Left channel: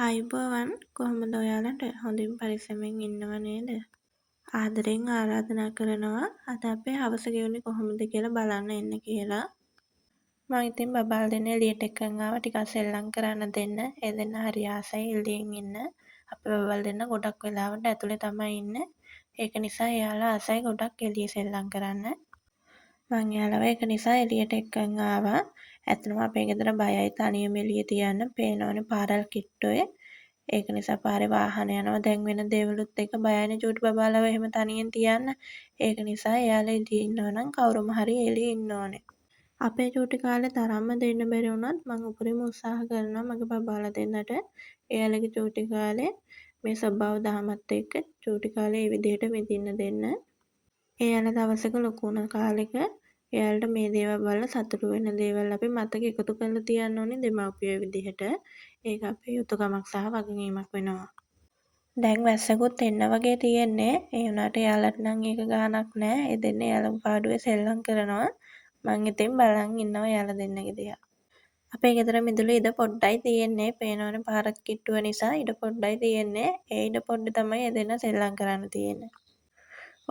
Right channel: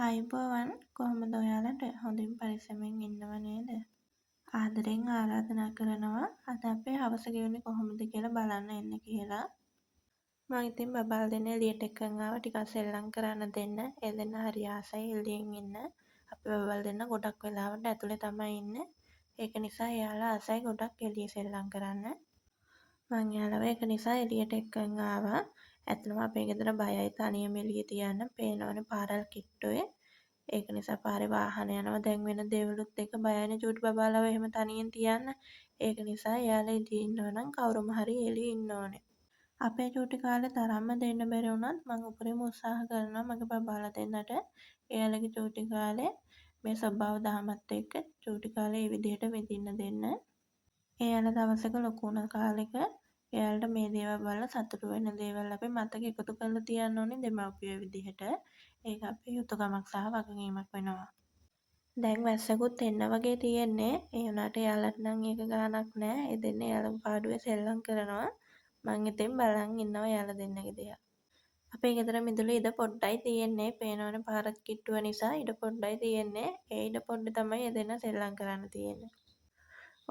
අයිබෝවන් කොහොමද ඔයාලට හොඳින් පරිස්සමෙන් ඉන්නව නේද? ආදරෙන් ආරාධනා කරනවා අද අපේ හවස ගෙවුනේ කොහොමද කියලා බලන්න එන්න කියලා. මං ඉතින් බබාල් දෙන්න එළියට එක්කන් ආවා ටිකක් සෙල්ලම් කරන්න දෙන්න. ඒ දෙන්න හරි ආසයි එළියෙන් ඉන්න. අපේ බබාල් දෙන්න ගොඩක් වෙලාවට ඇතුලේ තමයි ඉන්නේ. ඒක නිසා එයාලා ආසයි ගොඩක් එළියේ සෙල්ලම් කරන්න. මං එයාලව ඒක නිසා එළියට එක්කන් ආවා. ඇත්තටම අපේ ගෙදර බයයි තනියම එළියේ තියන්න. පේනවනේ පාරල් කිට්ටුවේ. ඒක නිසා පාරේ වාහන යනවා දැන් වෙන දේවලුත් එක්ක බයයිනේ චූටි බබාලව එහෙම තනියෙන් තියන්න. ඒක නිසා එයාලා එළියේ ඉන්නවා නම් කවුරුම හරි එළියේ ඉන්න ඕනේ. අපේ චූටි කාලේ තරම්ම දෙන්න බැරි වුණත් මං උපරිම උත්සාහ කරනවා මගේ බබාලා දෙන්නට එයාලගේ චූටි කාලේ මේ ස්වභාව දහමත් එක්ක චූටි කාලේ ඒ විදිහට විඳින්න දෙන්න. එයාලා දවසක ලොකු වුණ කාලෙක එයාලට මේ දේවල් වල සතුටු වෙන දේවල් අපි මතක එකතු කරලා තියන්න ඕනේ දෙමව්පියෝ විදිහට. ඒක අපේ යුතුකමක් සහ වගකීමක් වෙනවා. දැන් වැස්සකුත් එන්න වගේ තියෙන්නේ. ඒ වුණාට එයාලට නම් ඒක ගාණක් නෑ. ඒ දෙන්නේ එයාලගේ පාඩුවේ සෙල්ලම් කරනවා. මං ඉතින් බලන් ඉන්නවා එයාලා දෙන්නගේ දිහා. අපේ ගෙදර මිදුලේ ඉඩ පොඩ්ඩයි තියෙන්නේ. පේනවනේ පාරක් කිට්ටුව නිසා ඉඩ පොඩ්ඩයි තියෙන්නේ. ඒ ඉඩ පොඩ්ඩේ තමයි ඒ දෙන්න සෙල්ලම් කරන්න තියෙන්නේ.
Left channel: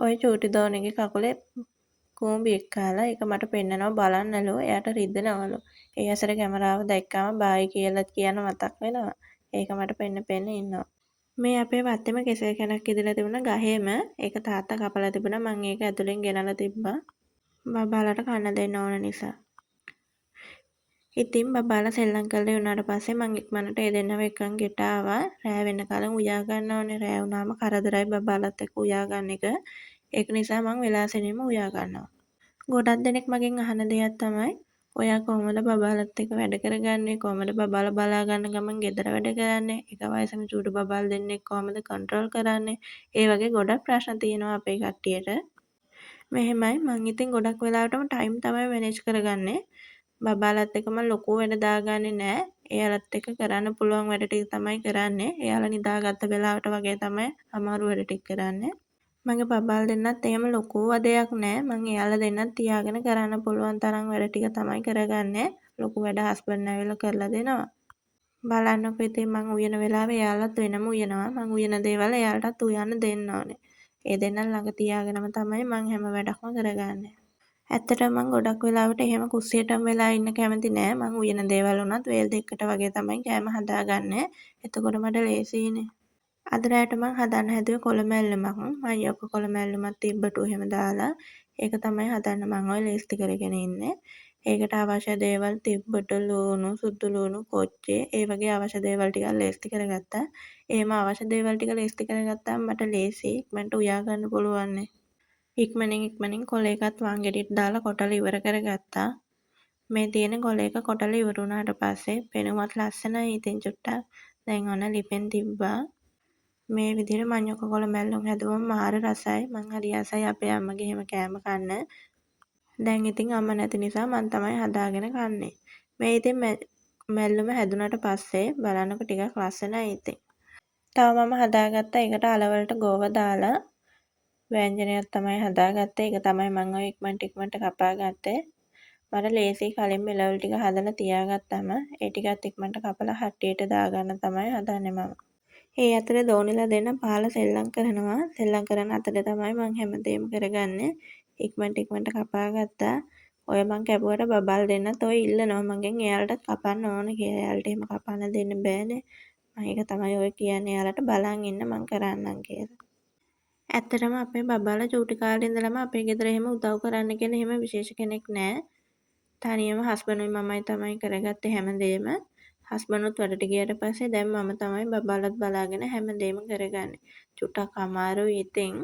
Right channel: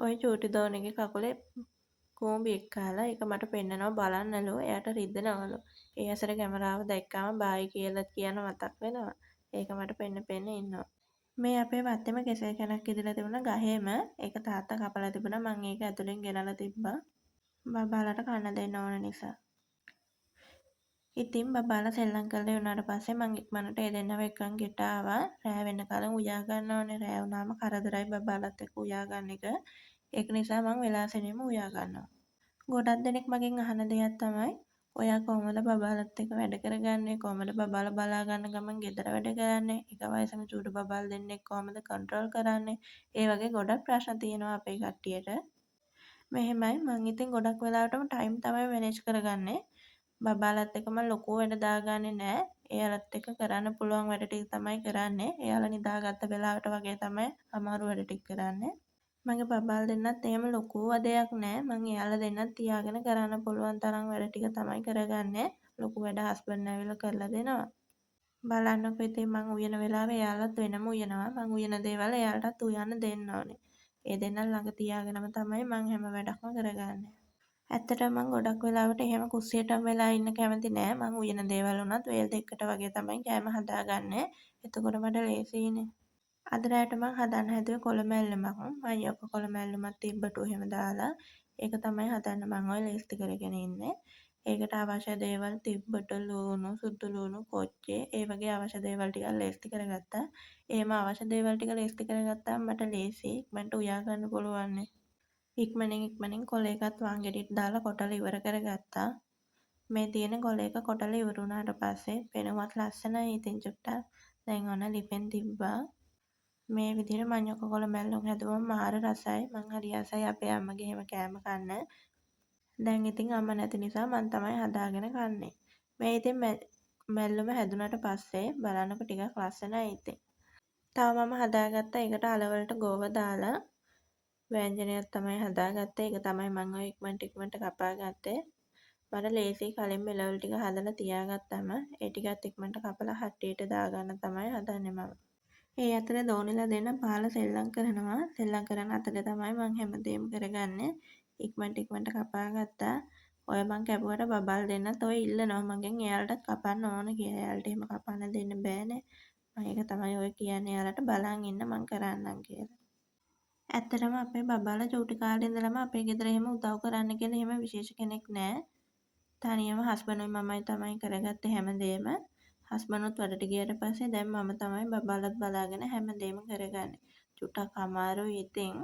ওই චූටි දෝනිගේ කකුලේ කූඹියෙක් කාලා ඒක මට පෙන්නනවා බලන්නලු. එයාට රිදෙනවලු. ඒ ඇසට කැමරාව දැක්කම බායි කියලා කියන මතක් වෙනවා. ඒක මට පෙන්න ඉන්නවා. මේ අපේ වත්තේම කෙසෙල් කැනක් ඉදලා තිබුණා ගහේම. ඒක තාත්තා කපලා තිබුණා. මං ඒක ඇතුලෙන් ගෙනලා තිබ්බා. බබාලට කන්න දෙන්න ඕන නිසා. ඉතින් බබාලා සෙල්ලම් කරලා වුණාට පස්සේ මං ඉක්මනට ඒ දෙන්නව එක්කන් ගෙට ආවා. රෑ වෙනකල් උයා ගන්න ඕනේ. රෑ වුණාම කරදරයි බබාලත් එක්ක උයා ගන්න එක. ඒක නිසා මං වෙලාසෙනෙම උයා ගන්නවා. ගොඩක් දෙනෙක් මගෙන් අහන දෙයක් තමයි ඔයා කොහොමද බබාලත් එක්ක වැඩ කරගන්නේ? කොහොමද බබාලා බලා ගන්න ගමන් ගෙදර වැඩ කරන්නේ? එක වයසක චූටි බබාල් දෙන්නෙක් කොහොමද කන්ට්‍රෝල් කරන්නේ? ඒ වගේ ගොඩක් ප්‍රශ්න තියෙනවා අපේ කට්ටියට. මෙහෙමයි මං ඉතින් ගොඩක් වෙලාවටම ටයිම් තමයි මැනේජ් කරගන්නේ. බබාලත් එක්ක මම ලොකු වැඩ දාගන්නේ නෑ. එයාලත් එක්ක කරන්න පුළුවන් වැඩ ටික තමයි කරන්නේ. එයාලා නිදාගත්ත වෙලාවට වගේ තමයි අමාරු වැඩ ටික කරන්නේ. මගේ බබාල් දෙන්නත් එහෙම ලොකු වදයක් නෑ. මං එයාලා දෙන්නත් තියාගෙන කරන්න පුළුවන් තරම් වැඩ ටික තමයි කරගන්නේ. ලොකු වැඩ හස්බන්ඩ් ඇවිල්ලා කරලා දෙනවා. බලන්නකෝ ඉතින් මං උයන වෙලාවේ එයාලත් වෙනම උයනවා. මං උයන දේවල් එයාලටත් උයන්න දෙන්න ඕනේ. ඒ දෙන්නන් ළඟ තියාගෙනම තමයි මං හැම වැඩක්ම කරගන්නේ. ඇත්තටම මං ගොඩක් වෙලාවට එහෙම කුස්සියටම වෙලා ඉන්න කැමති නෑ. මං උයන දේවල් උනත් වේල් දෙකකට වගේ තමයි කෑම හදාගන්නේ. එතකොට මට ලේසියිනේ. අද රෑට මං හදන්න හැදුවේ කොළ මැල්ලමක්. මයියොක්ක කොළ මැල්ලමක් තිබ්බටු එහෙම දාලා. ඒක තමයි හදන්න මං ඔය ලේස්ති කරගෙන ඉන්නේ. ඒකට අවශ්‍ය දේවල් තිබ්බට ලූණු, සුදු ලූණු, කොච්චේ ඒ වගේ අවශ්‍ය දේවල් ටිකක් ලේස්ති කරගත්තා. එහෙම අවශ්‍ය දේවල් ටික ලේස්ති කරගත්තාම මට ලේසියි. ඉක්මනට උයා ගන්න පුළුවන්නේ. ඉක්මනින් කොළ එකත් වංගෙඩියට දාලා කොටලා ඉවර කරගත්තා. මේ තියෙන කොළ එක කොටලා ඉවර වුණාට පස්සේ පෙනුමත් ලස්සනයි ඉතින් චුට්ටක්. දැන් ඔන්න ලිපෙන් තිබ්බා. මේ විදිහට මඤ්ඤොක්ක කොළ මැල්ලුම් හැදුවම මාර රසයි. මං හරි ආසයි අපේ අම්මගේ එහෙම කෑම කන්න. දැන් ඉතින් අම්මා නැති නිසා මං තමයි හදාගෙන කන්නේ. මේ ඉතින් මැල්ලුම හැදුනට පස්සේ බලන්නකො ටිකක් ලස්සනයි ඉතින්. තව මම හදාගත්තා ඒකට අලවලට ගෝව දාලා වෑංජනයක් තමයි හදාගත්තේ. ඒක තමයි මං ඔය ඉක්මනට කපා ගත්තේ. මට ලේසියි කලින් මෙලවලු ටික හදලා තියාගත්තම ඒ ටිකත් ඉක්මනට කපලා හට්ටියට දාගන්න තමයි හදන්නේ මම. ඒ අතරේ දෝනිලා දෙන්න පහල සෙල්ලම් කරනවා. සෙල්ලම් කරන අතරේ තමයි මං හැමදේම කරගන්නේ. ඉක්මනට කපා ගත්තා. ඔය මං කැපුවට බබාල් දෙන්නත් ඔය ඉල්ලනවා මගෙන් එයාලටත් කපන්න ඕන කියලා. එයාලට එහෙම කපන්න දෙන්න බෑනේ. මම ඒක තමයි ඔය කියන්නේ එයාලට බලන් ඉන්න මං කරන්නම් කියලා. ඇත්තටම අපේ බබාලා චූටි කාලේ ඉඳලම අපේ ගෙදර එහෙම උදව් කරන්න කියලා එහෙම විශේෂ කෙනෙක් නෑ. තනියම හස්බන්ඩ්ුයි මමයි තමයි කරගත්තේ හැමදේම. හස්බන්ඩ්ුත් වැඩට ගියාට පස්සේ දැන් මම තමයි බබාලත් බලාගෙන හැමදේම කරගන්නේ. චුට්ටක් අමාරුයි ඉතින්.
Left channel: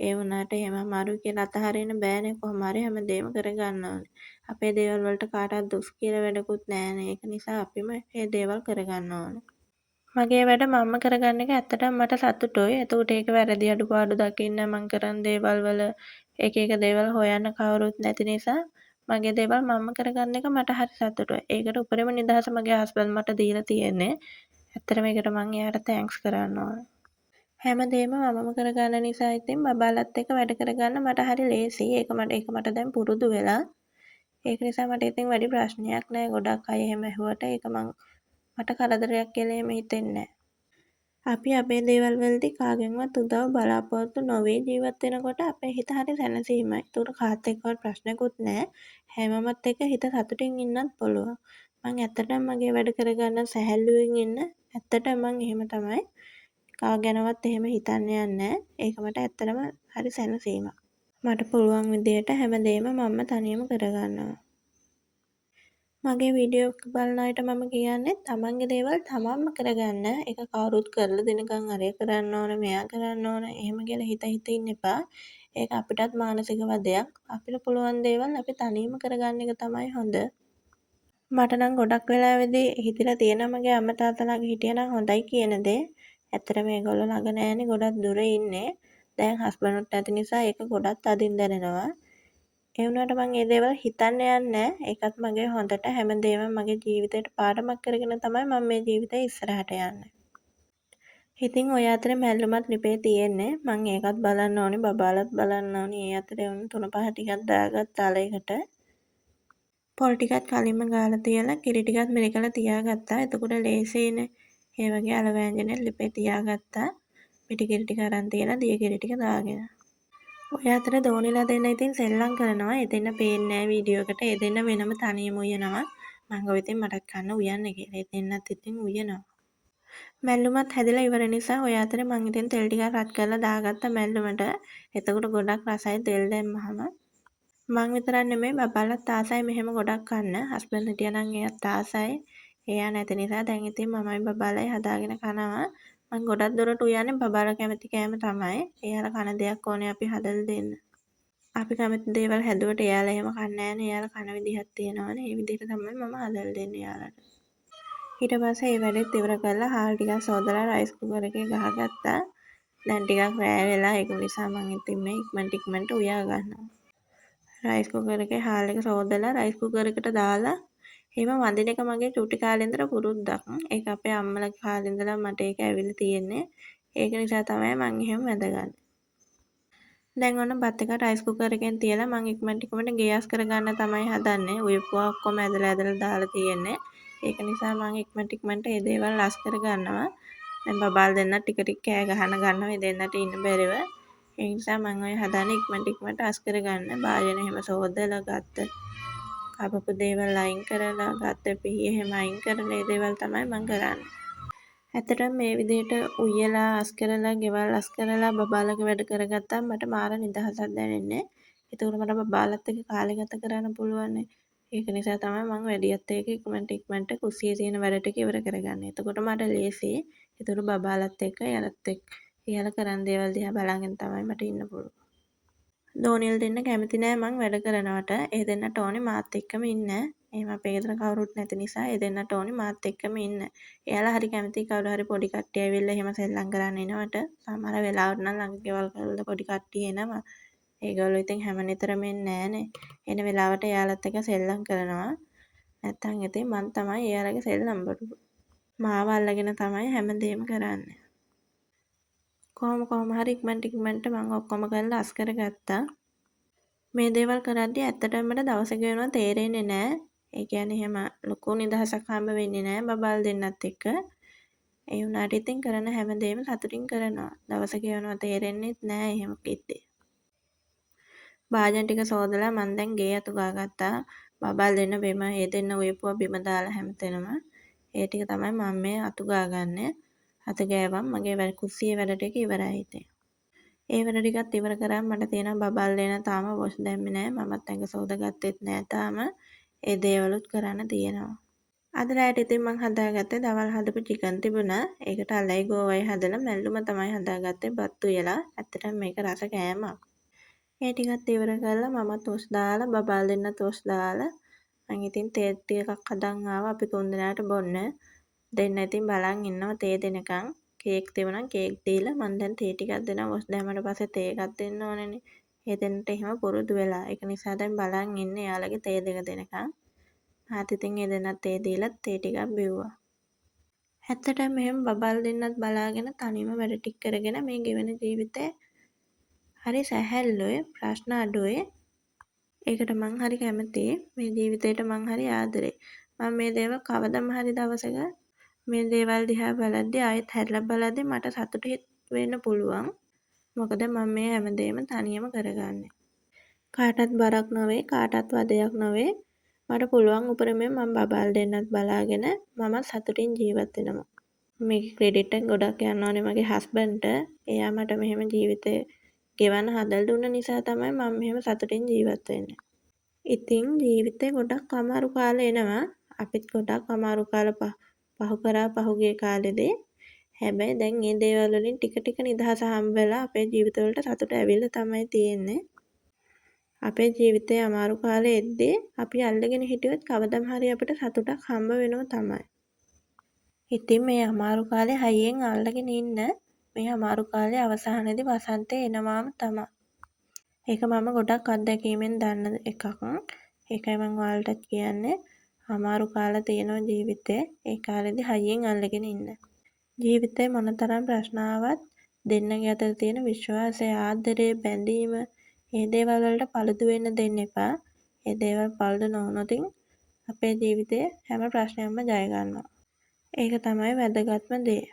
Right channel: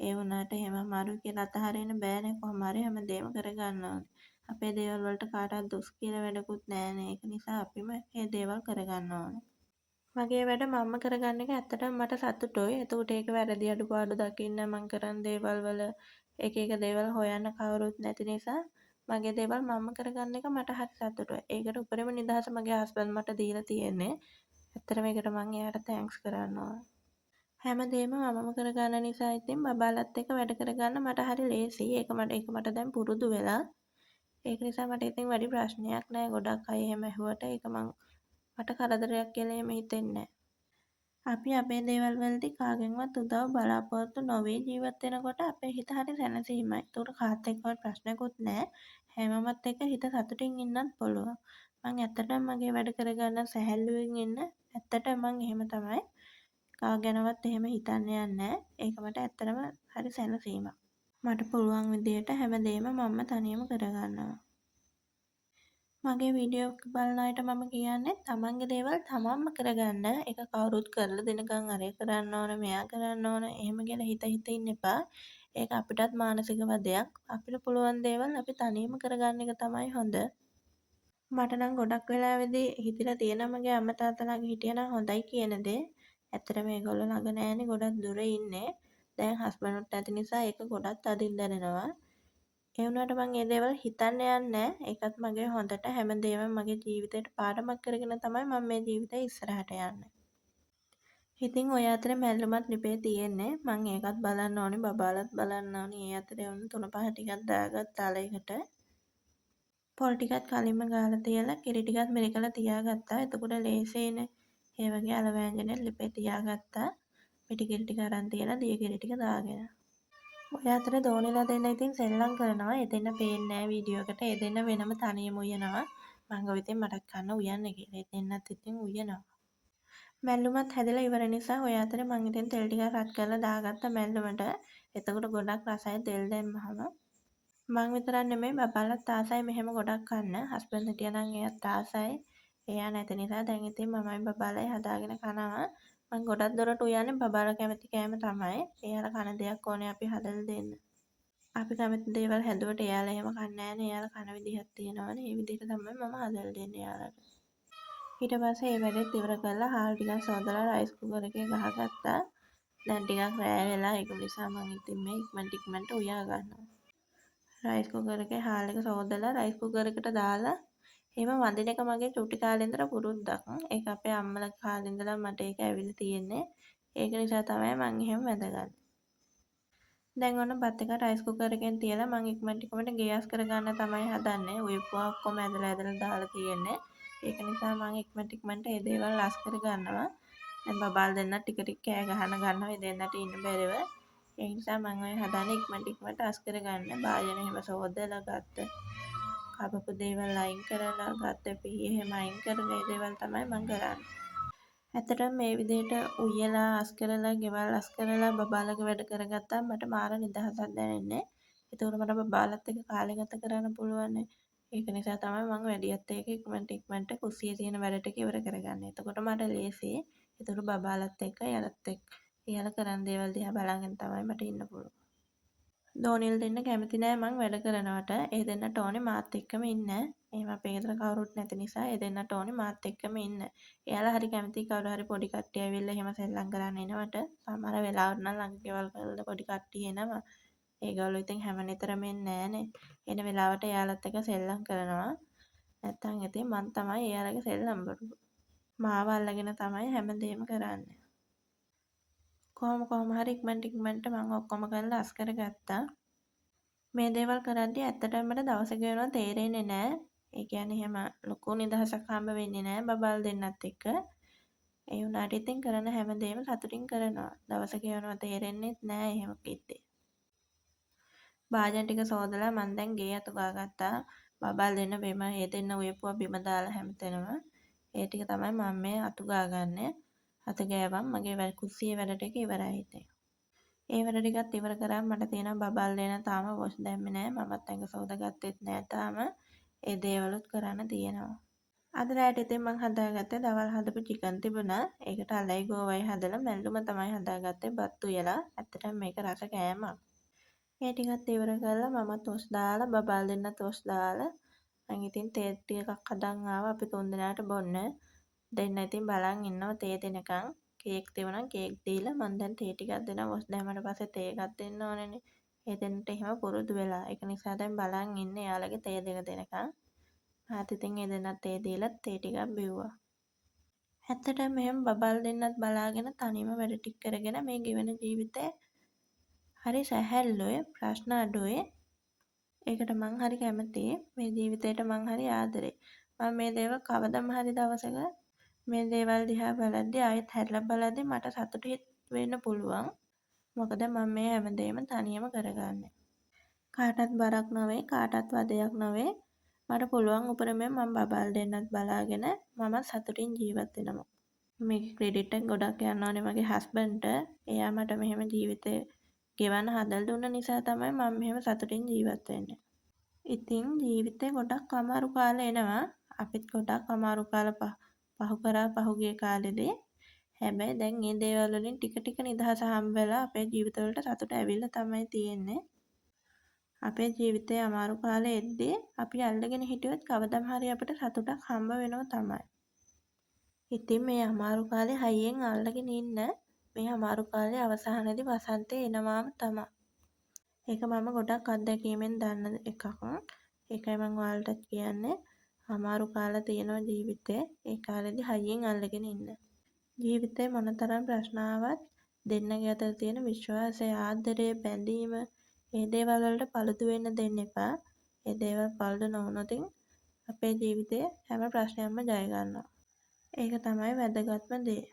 ඒ වුණාට එහෙම අමාරුයි කියලා අතහරින්න බෑනේ කොහොම හරි හැමදේම කරගන්න ඕනේ. අපේ දේවල් වලට කාටවත් දොස් කියලා වැඩකුත් නෑනේ. ඒක නිසා අපිම මේ දේවල් කරගන්න ඕනේ. මගේ වැඩ මම කරගන්න එක ඇත්තටම මට සතුටුයි. එතකොට ඒක වැරදි අඩුපාඩු දකින්න මං කරන දේවල් වල එක දේවල් හොයන්න කවුරුත් නැති නිසා මගේ දේවල් මම කරගන්න එක මට හරි සතුටුයි. ඒකට උපරිම නිදහස මගේ හස්බන්ඩ් මට දීලා තියෙන්නේ. ඇත්තටම ඒකට මං එයාට තෑන්ක්ස් කරන්න ඕනේ. හැමදේම මමම කරගන්න නිසා ඉතින් බබාලත් එක්ක වැඩ කරගන්න මට හරි ලේසියි. ඒක මට දැන් පුරුදු වෙලා. ඒක නිසා මට ඉතින් වැඩි ප්‍රශ්නයක් නෑ. ගොඩක් අය එහෙම ඇහුවට ඒක මට කරදරයක් කියලා එහෙම හිතෙන්නේ නෑ. අපි අපේ දේවල් වලදී කාගෙන්වත් උදව් බලාපොරොත්තු නොවී ජීවත් වෙනකොට අපේ හිත හරි සැනසීමයි. ඒතකොට කාත් එක්කවත් ප්‍රශ්නකුත් නැහැ. හැමෝමත් එක්ක හිත සතුටින් ඉන්නත් පුළුවන්. මං ඇත්තටම මගේ වැඩ කරගන්න සැහැල්ලුවෙන් ඉන්න. ඇත්තටම මං එහෙම තමයි. කා ගැනවත් එහෙම හිතන්න යන්නේ නැහැ. ඒක මට ඇත්තටම හරි සැනසීමක්. මට පුළුවන් විදියට හැමදේම මම තනියම කරගන්නවා. මගේ වීඩියෝ බලන අයට මම කියන්නේ තමන්ගේ දේවල් තමන්ම කරගන්න. ඒක කවුරුත් කරලා දෙනකන් අරය කරන්න ඕන, මෙයා කරන්න ඕන එහෙම කියලා හිත ඉන්න එපා. ඒක අපිටත් මානසික වදයක්. අපිට පුළුවන් දේවල් අපි තනියම කරගන්න එක තමයි හොඳ. මට නම් ගොඩක් වෙලාවෙදී හිතිලා තියෙනවා මගේ අම්මා තාත්තා ළඟ හිටියනම් හොඳයි කියන දේ. ඇත්තටම මේගොල්ලෝ ළඟ නෑනේ, ගොඩක් දුර ඉන්නේ. දැන් හස්බන්ඩ්ට නැති නිසා ඒක ගොඩක් තදින් දැනෙනවා. ඒ වුණාට මං ඒ දේවල් හිතන්න යන්නේ නෑ. ඒකත් මගේ හොඳට හැමදේම මගේ ජීවිතේට පාඩමක් කරගෙන තමයි මම මේ ජීවිතේ ඉස්සරහට යන්නේ. ඉතින් ඔය අතරේ මැල්ලුමත් ලිපේ තියෙන්නේ. මං ඒකත් බලන්න ඕනේ, බබාලත් බලන්න ඕනේ. ඒ අතරේ උන් 3-5 ටිකක් දාගත්ත අලයකට. පොල් ටිකත් කලින්ම ගාලා තියලා කිරි ටිකත් මිරිකලා තියාගත්තා. එතකොට ලේසියිනේ. ඒ වගේ අල වෑංජනෙත් ලිපේ තියාගත්තා. මිටි කිරි ටික අරන් තියලා දිය කිරි ටික දාගෙන. ඔය අතර දෝනිලා දෙන්න ඉතින් සෙල්ලම් කරනවා. එදෙන්න පේන්නේ නැහැ වීඩියෝ එකට. එදෙන්න වෙනම තනියම උයනවා. මං ගාව ඉතින් මටත් කන්න උයන්න කියලා. එදෙන්නත් ඉතින් උයනවා. මැල්ලුමත් හැදිලා ඉවර නිසා ඔය අතරේ මං ඉතින් තෙල් ටිකක් රත් කරලා දාගත්ත මැල්ලුමට. එතකොට ගොඩක් රසයි තෙල් දැම්මහම. මං විතරක් නෙමෙයි බබාලත් ආසයි මෙහෙම ගොඩක් කන්න. හස්බන්ඩ් හිටියා නම් එයාත් ආසයි. එයා නැති නිසා දැන් ඉතින් මමයි බබාලයි හදාගෙන කනවා. මං ගොඩක් දුරට උයන්නේ බබාලා කැමති කෑම තමයි. එයාලා කන දෙයක් ඕනේ අපි හදලා දෙන්න. අපි කැමති දේවල් හැදුවට එයාලා එහෙම කන්නේ නැහනේ. එයාලා කන විදිහක් තියෙනවානේ. ඒ විදිහට තමයි මම හදලා දෙන්නේ එයාලට. ඊට පස්සේ ඒ වැඩෙත් ඉවර කරලා හාල් ටිකක් සෝදලා රයිස් කුකර් එකේ ගහගත්තා. දැන් ටිකක් රෑ වෙලා ඒක නිසා මම ඉතින් මේ ඉක්මනට උයා ගන්නවා. රයිස් කුකර් එකේ හාල් එක සෝදලා රයිස් කුකර් එකට දාලා එහෙම වදින එක මගේ චුටි කාලේ ඉඳලා පුරුද්දක්. ඒක අපේ අම්මලා කාලේ ඉඳලා මට ඒක ඇවිල්ලා තියෙන්නේ. ඒක නිසා තමයි මම එහෙම වැදගන්නේ. දැන් ඔන්න බත් එක රයිස් කුකර් එකෙන් තියලා මම ඉක්මනට ගෑස් කරගන්න තමයි හදන්නේ. උයපුවා ඔක්කොම ඇදලා දාලා තියෙන්නේ. ඒක නිසා මම ඉක්මනට මේ දේවල් ලස් කරගන්නවා. දැන් බබාල් දෙන්න ටික කෑ ගන්නවා. ඒ දෙන්නට ඉන්න බැරිව. ඒ නිසා මම ඔය හදන්නේ ඉක්මනට අස් කරගන්න. භාජන එහෙම සෝදලා ගත්ත කපපු දේවල් අයින් කරලා ගත්ත පිහි එහෙම අයින් කරලා මේ දේවල් තමයි මම කරන්නේ. ඇත්තටම මේ විදිහට උයලා අස් කරලා ගෙවල් අස් කරලා බබාලගේ වැඩ කරගත්තාම මට මාර නිදහසක් දැනෙන්නේ. ඒතකොට මට බබාලත් එක්ක කාලය ගත කරන්න පුළුවන්. ඒක නිසා තමයි මම වැඩියත් එක්ක ඉක්මනට කුස්සියේ තියෙන වැඩ ටික ඉවර කරගන්නේ. එතකොට මට ලේසියි. ඒතකොට බබාලත් එක්ක එයාලා කරන දේවල් දිහා බලාගෙන තමයි මට ඉන්න පුළුවන්. දෝනියල් දෙන්න කැමති නෑ මං වැඩ කරනවට. ඒ දෙන්නට ඕනේ මාත් එක්කම ඉන්න. එහෙම අපේ ගෙදර කවුරුත් නැති නිසා ඒ දෙන්නට ඕනේ මාත් එක්කම ඉන්න. එයාලා හරි කැමතියි කවුරු හරි පොඩි කට්ටිය ඇවිල්ලා එහෙම සෙල්ලම් කරන්න එනවට. සමහර වෙලාවට නම් ළඟ ගෙවල් වල පොඩි කට්ටිය එනවා. ඒගොල්ලෝ ඉතින් හැම නිතරම එන්නේ නෑනේ. එන වෙලාවට එයාලත් එක්ක සෙල්ලම් කරනවා. නැත්තම් ඉතින් මං තමයි එයාලගේ සෙල්ලම් බඩුව. මාව අල්ලගෙන තමයි හැමදේම කරන්නේ. කොහොම හරි ඉක්මනට මම ඔක්කොම කරලා අස් කරගත්තා. මේ දේවල් කරද්දී ඇත්තටම මට දවස ගෙවනවා තේරෙන්නේ නෑ. ඒ කියන්නේ එහෙම ලොකු නිදහසක් හම්බ වෙන්නේ නෑ බබාල් දෙන්නත් එක්ක. ඒ වුණාට ඉතින් කරන හැමදේම සතුටින් කරනවා. දවස ගෙවනවා තේරෙන්නෙත් නෑ එහෙම කිව්වේ. භාජන ටික සෝදලා මම දැන් ගේ අතු ගාගත්තා. බබාල් දෙන්න බිම ඒ දෙන්න උයපුවා බිම දාලා හැමතැනම. ඒ ටික තමයි මම මේ අතු ගාගන්නේ. අත ගෑවම් මගේ කුස්සියේ වැඩ ටික ඉවරයි ඉතින්. ඒ වැඩ ටිකත් ඉවර කරාම මට තියෙනවා බබල් දෙන තාම වොෂ් දැම්මේ නෑ. මමත් ඇඟ සෝදාගත්තෙත් නෑ තාම. ඒ දේවලුත් කරන්න තියෙනවා. අද රාට ඉතින් මං හදාගත්තේ දවල් හදපු චිකන් තිබුණා. ඒකට අලයි ගෝවයි හදලා මැල්ලුම තමයි හදාගත්තේ බත් උයලා. ඇත්තටම මේක රස කෑමක්. ඒ ටිකත් ඉවර කරලා මම තොස් දාලා බබල් දෙන්න තොස් දාලා මං ඉතින් තේ ටිකක් හදන් ආවා අපි තුන් දෙනාට බොන්න. දෙන්න ඉතින් බලන් ඉන්නවා තේ දෙනකන්. කේක් තිබුණා කේක් දීලා මම දැන් තේ ටිකක් දෙනවා. වොස් දැම්මට පස්සේ තේ එකක් දෙන්න ඕනේනේ. ඒ දෙන්නට එහෙම පුරුදු වෙලා. ඒක නිසා දැන් බලන් ඉන්නේ යාළගේ තේ දෙක දෙනකන්. මාත් ඉතින් ඒ දෙන්නත් තේ දීලා තේ ටිකක් බිව්වා. ඇත්තටම මෙහෙම බබල් දෙන්නත් බලාගෙන තනියම වැඩ ටික කරගෙන මේ ගෙවන ජීවිතේ හරි සැහැල්ලුවේ ප්‍රශ්න අඩුවේ. ඒකට මං හරි කැමතියි. මේ ජීවිතේට මං හරි ආදරේ. මම මේ දේවල් කවදම හරි දවසක මේ දේවල් දිහා බලද්දී ආයෙත් හැරිලා බලද්දී මට සතුටු වෙන්න පුළුවන්. මොකද මම මේ හැමදේම තනියම කරගන්නේ. කාටවත් බරක් නොවේ, කාටවත් වදයක් නොවේ. මට පුළුවන් උපරිමයෙන් මම බබාල් දෙන්නත් බලාගෙන මමත් සතුටින් ජීවත් වෙනවා. මේකේ ක්‍රෙඩිට් එක ගොඩක් යන්න ඕනේ මගේ හස්බන්ඩ්ට. එයා මට මෙහෙම ජීවිතේ ගෙවන්න හදලා දුන්න නිසා තමයි මම මෙහෙම සතුටින් ජීවත් වෙන්නේ. ඉතින් ජීවිතේ ගොඩක් අමාරු කාල එනවා. අපිත් ගොඩක් අමාරු කාල පහු කරා පහුගිය කාලෙදී. හැබැයි දැන් මේ දේවල් වලින් ටික ටික නිදහස හම්බ වෙලා අපේ ජීවිතවලට සතුට ඇවිල්ලා තමයි තියෙන්නේ. අපේ ජීවිතේ අමාරු කාලේ එද්දී අපි අල්ලගෙන හිටියොත් කවදම හරි අපිට සතුටක් හම්බ වෙනවා තමයි. ඉතින් මේ අමාරු කාලේ හයියෙන් අල්ලගෙන ඉන්න. මේ අමාරු කාලේ අවසානයේදී වසන්තය එනවාම තමයි. ඒක මම ගොඩක් අත්දැකීමෙන් දන්න එකක්. ඒකයි මම ඔයාලටත් කියන්නේ අමාරු කාල තියෙනවා ජීවිතේ. ඒ කාලෙදී හයියෙන් අල්ලගෙන ඉන්න. ජීවිතේ මොනතරම් ප්‍රශ්න ආවත් දෙන්නගේ අතර තියෙන විශ්වාසය, ආදරය, බැඳීම මේ දේවල් වලට පළුදු වෙන්න දෙන්න එපා. මේ දේවල් පළුදු නොවුනොත් අපේ ජීවිතේ හැම ප්‍රශ්නයක්ම ජය ගන්නවා. ඒක තමයි වැදගත්ම දේ.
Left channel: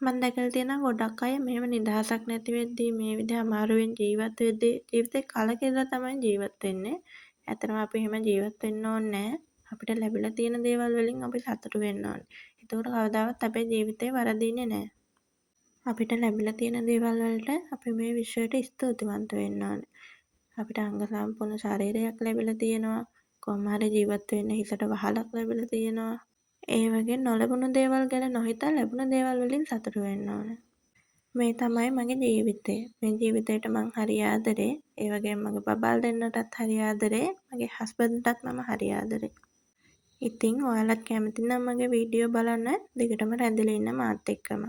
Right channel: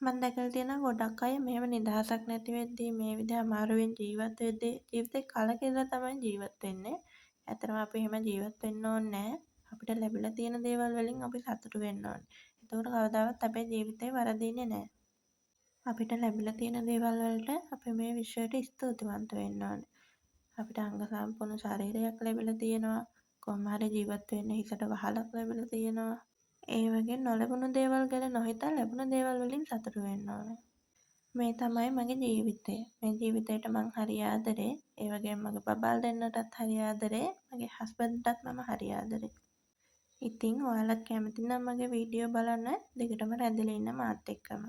මම දැකලා තියෙනවා ගොඩක් අය මෙහෙම නිදහසක් නැති වෙද්දී මේ විදිහ අමාරුවෙන් ජීවත් වෙද්දී ජීවිතේ කලකිරලා තමයි ජීවත් වෙන්නේ. ඇත්තටම අපි එහෙම ජීවත් වෙන්න ඕනේ නැහැ. අපිට ලැබිලා තියෙන දේවල් වලින් අපි සතුටු වෙන්න ඕනේ. එතකොට කවදාවත් අපේ ජීවිතේ වරදින්නේ නැහැ. අපිට ලැබිලා තියෙන දේවල් වලට අපි මේ විශ්වයට ස්තුතිවන්ත වෙන්න ඕනේ. අපිට අංග සම්පූර්ණ ශරීරයක් ලැබිලා තියෙනවා. කොහොම හරි ජීවත් වෙන්න හිසට වහලක් ලැබිලා තියෙනවා. ඒ වගේ නොලැබුණු දේවල් ගැන නොහිතා ලැබුණ දේවල් වලින් සතුටු වෙන්න ඕනේ. මේ තමයි මගේ ජීවිතය. මේ ජීවිතේට මං හරි ආදරේ. ඒ වගේම මගේ බබාල් දෙන්නටත් හරි ආදරේ. මගේ හස්බන්ඩ්ටත් මම හරි ආදරේ. ඉතින් ඔයාලත් කැමති නම් මගේ වීඩියෝ බලන්න දිගටම රැඳිලා ඉන්න මාත් එක්කම.